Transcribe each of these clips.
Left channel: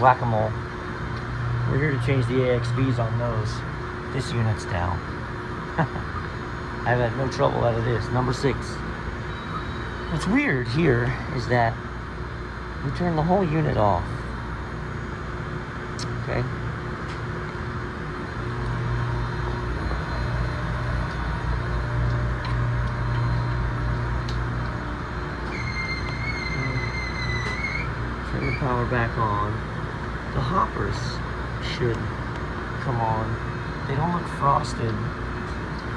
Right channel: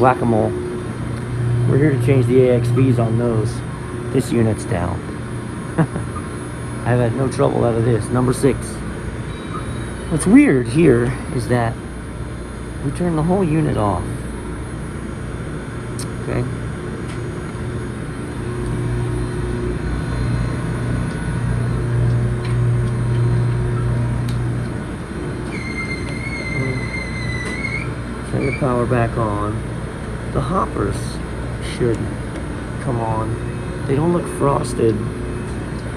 Whack-a-mole. We're here to change the AXVs on those. This unit's down. I've had no trouble out of this. Number 6. What's weird here is that we turn the whole unit off. Okay. Turn the power back on. The hoppers should come on. They don't look frosted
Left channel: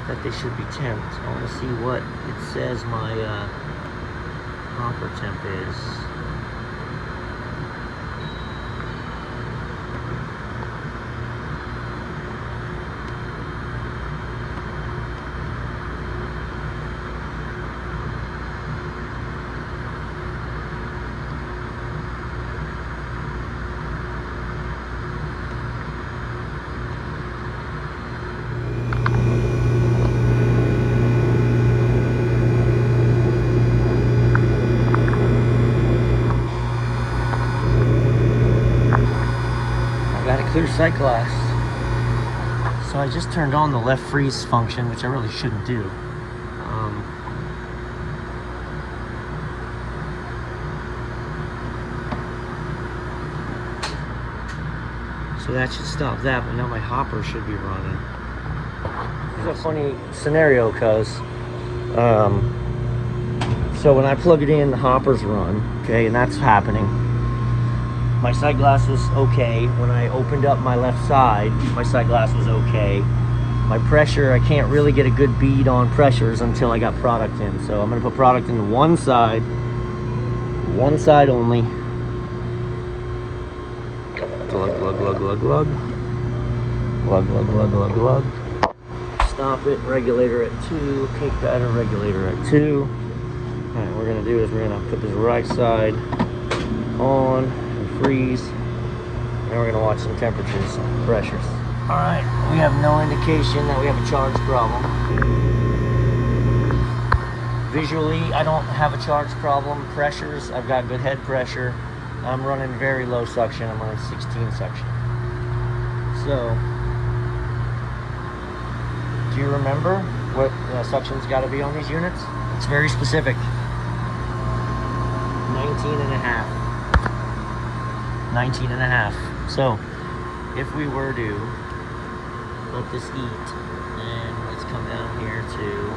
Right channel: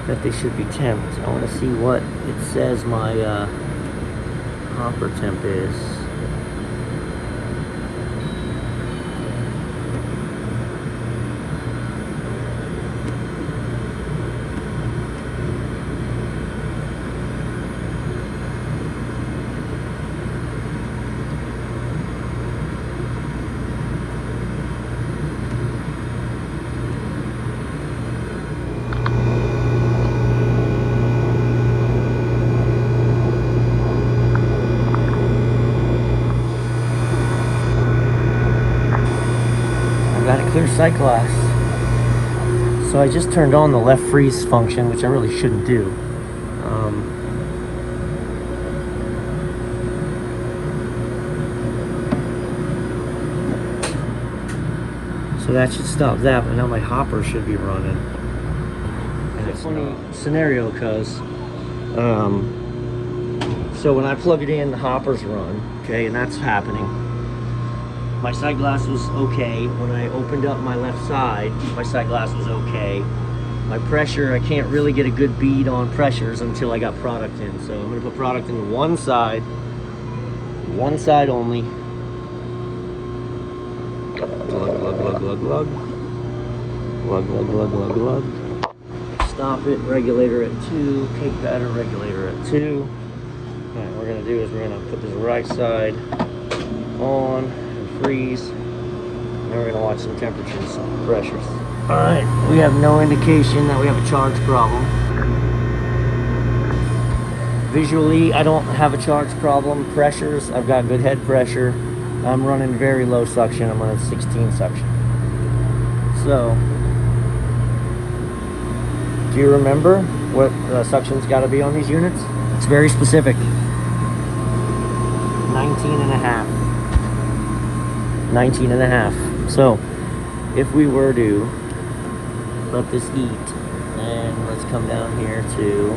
that they should be temped. I want to see what it says my hopper temp is. Sight glass. So I just turned on the left freeze function, which I really shouldn't do. So that should stop that, but now my hopper should be running. It's a funny scenario because so when I plug it in, the hoppers run, okay, and that's happening. My sight glass was okay. When I opened up my left side, my sight glass was okay. My pressure, I can't really get a good bead on pressures until I got product in. So I'm gonna put product in the one side only. Glug, glug, glug, glug, glug. Glug, glug, glug, glug, glug. Stop it, regulator at 2, cake batter, regulator at 2. All right, what we're gonna do is we're gonna put this right side on. Freeze. Then we're going to watch some temperatures, some pressures. Alright, we have no indication that we have a charge problem. Visually, I don't have a charge problem. Pressures, I've got good head pressure. I'm running very low suction. I'm running 16 suction. So, do you remember what the suction's got to be on these units? It's very specific. 19 and a half. So if we were to let this eat, then let's come down here to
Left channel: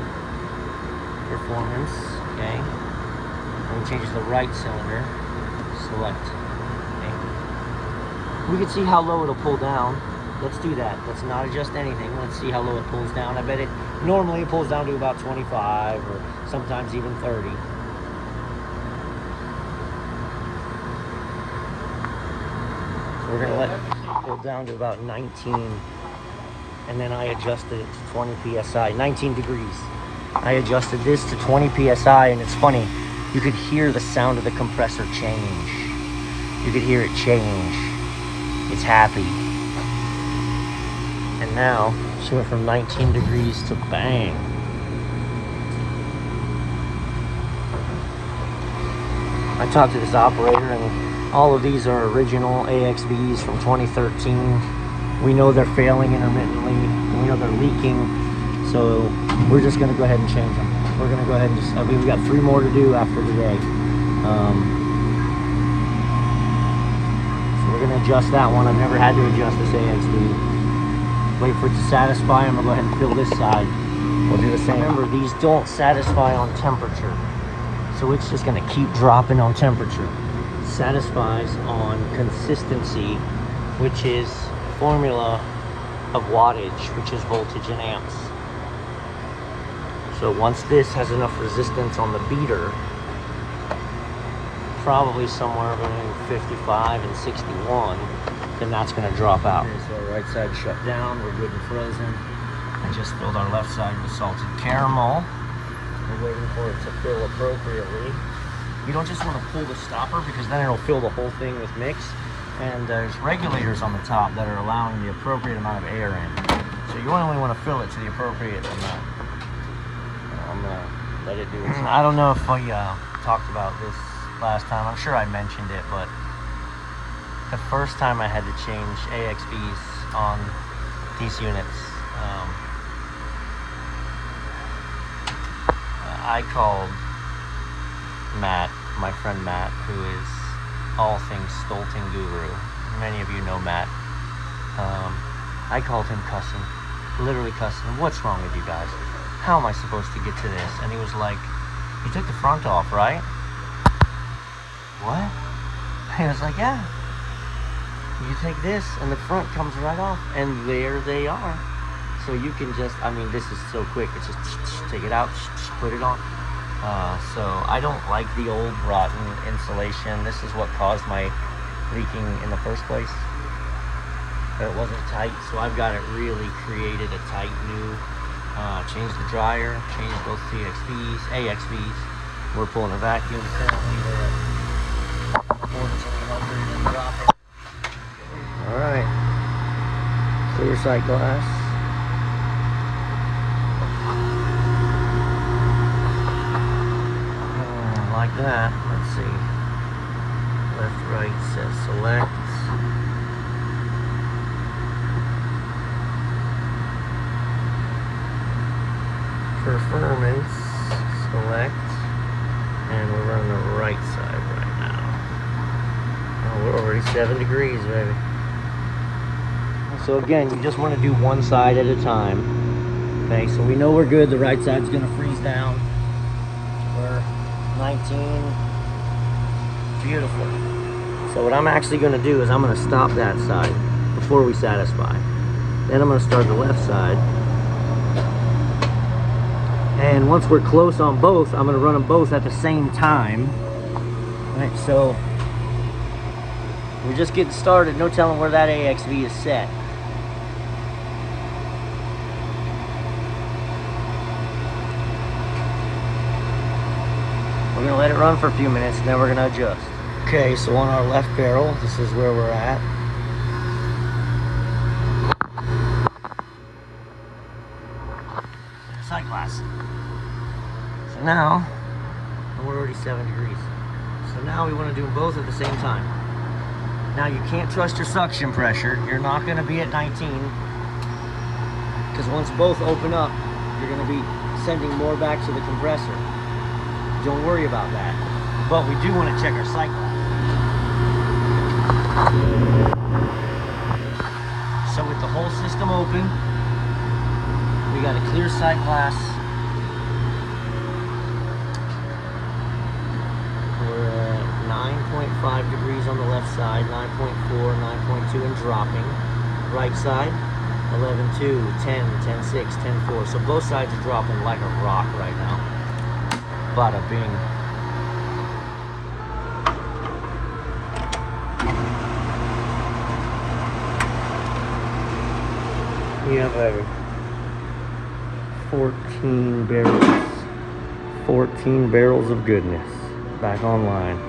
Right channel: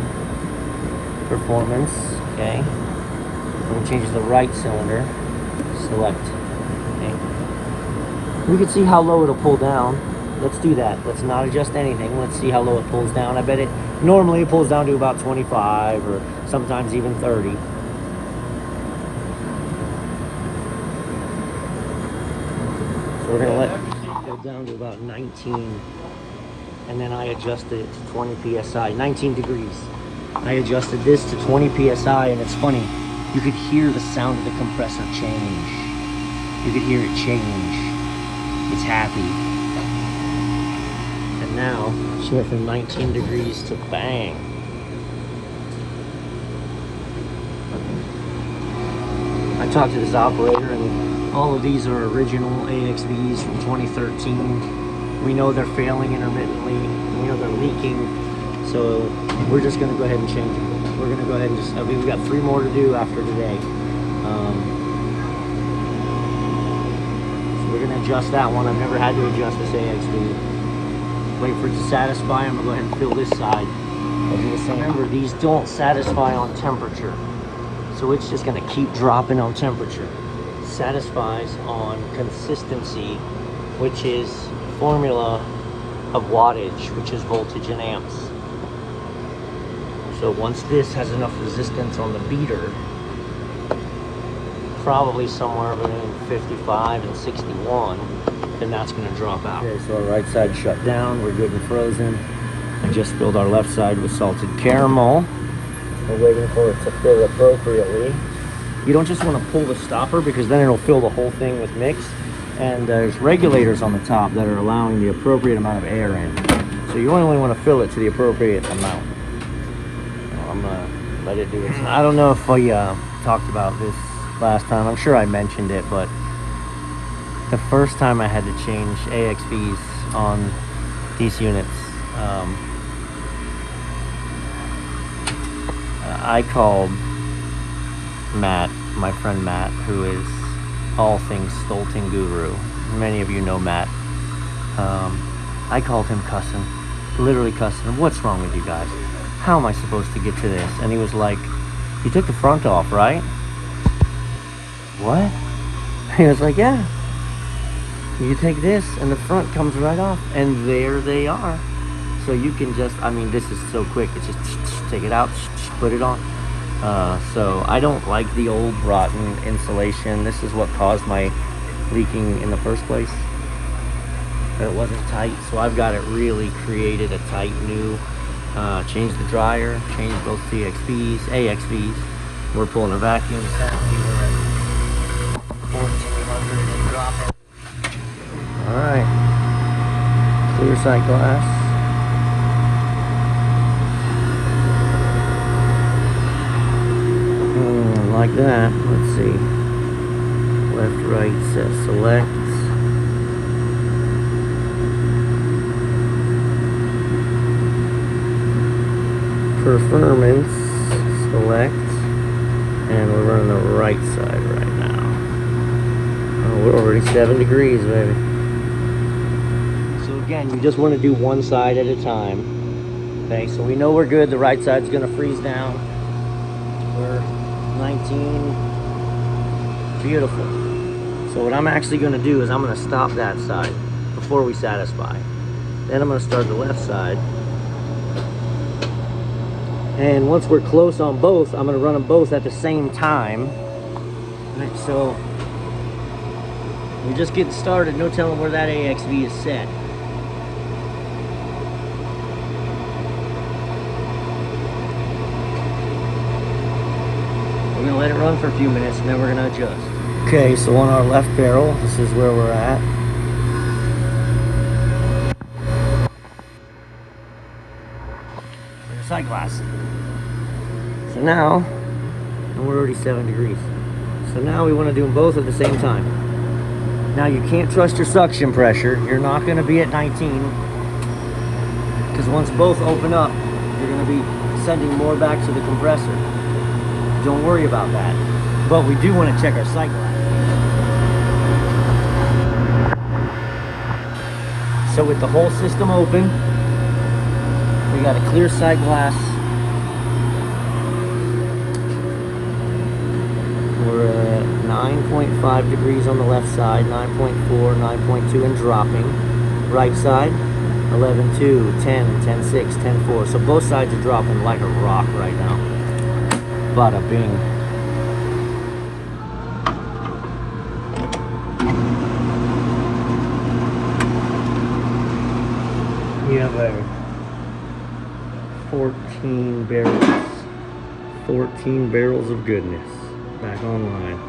performance. Okay, I'm going to change the right cylinder, select. Okay, we can see how low it'll pull down. Let's do that. Let's not adjust anything. Let's see how low it pulls down. I bet it normally pulls down to about 25 or sometimes even 30. We're going to let it go down to about 19, and then I adjusted it to 20 psi, 19 degrees. I adjusted this to 20 psi, and it's funny, you could hear the sound of the compressor change. You could hear it change. It's happy. And now, she went from 19 degrees to bang. I talked to this operator, and all of these are original AXVs from 2013. We know they're failing intermittently. We know they're leaking. So we're just going to go ahead and change them. We're going to go ahead and just, I mean, we got 3 more to do after today. So we're going to adjust that one. I've never had to adjust this AXV. Wait for it to satisfy. I'm going to go ahead and fill this side. We'll do the same. Remember, these don't satisfy on temperature. So it's just going to keep dropping on temperature. Satisfies on consistency, which is formula of wattage, which is voltage in amps. So once this has enough resistance on the beater, probably somewhere between 55 and 61, then that's going to drop out. Okay, so our right side shut down, we're good and frozen. I just filled our left side with salted caramel. We're waiting for it to fill appropriately. You don't just want to pull the stopper because then it'll fill the whole thing with mix. And there's regulators on the top that are allowing the appropriate amount of air in. So you only want to fill it to the appropriate amount. I'm going to let it do its thing. I don't know if I talked about this last time. I'm sure I mentioned it, but the first time I had to change AXBs on these units, I called Matt, my friend Matt, who is all things Stoelting guru. Many of you know Matt. I called him cussing, literally cussing him. What's wrong with you guys? How am I supposed to get to this? And he was like, you took the front off, right? What? He was like, yeah. You take this and the front comes right off, and there they are. So you can just, I mean, this is so quick. It's just take it out, put it on. So I don't like the old rotten insulation. This is what caused my leaking in the first place. It wasn't tight, so I've got it really created a tight new, changed the dryer, changed both TXBs, AXBs. We're pulling a vacuum. Alright, clear sight glass. Like that. Let's see. Left, right, set, select. Performance, select, and we're running the right side right now. And we're already 7 degrees, baby. So again, you just want to do one side at a time. Okay, so we know we're good. The right side's going to freeze down. We're 19. Beautiful. So what I'm actually going to do is I'm going to stop that side before we satisfy. Then I'm going to start the left side. And once we're close on both, I'm going to run them both at the same time. Right, so we're just getting started. No telling where that AXV is set. We're going to let it run for a few minutes, and then we're going to adjust. Okay, so on our left barrel, this is where we're at. Sight glass. So now, we're already 7 degrees. So now we want to do them both at the same time. Now you can't trust your suction pressure. You're not going to be at 19. Because once both open up, you're going to be sending more back to the compressor. Don't worry about that. But we do want to check our sight glass. So with the whole system open, we got a clear sight glass. We're at 9.5 degrees on the left side, 9.4, 9.2 and dropping. Right side, 11.2, 10, 10.6, 10.4. So both sides are dropping like a rock right now. Bada bing. Yeah, baby. 14 barrels. 14 barrels of goodness. Back online.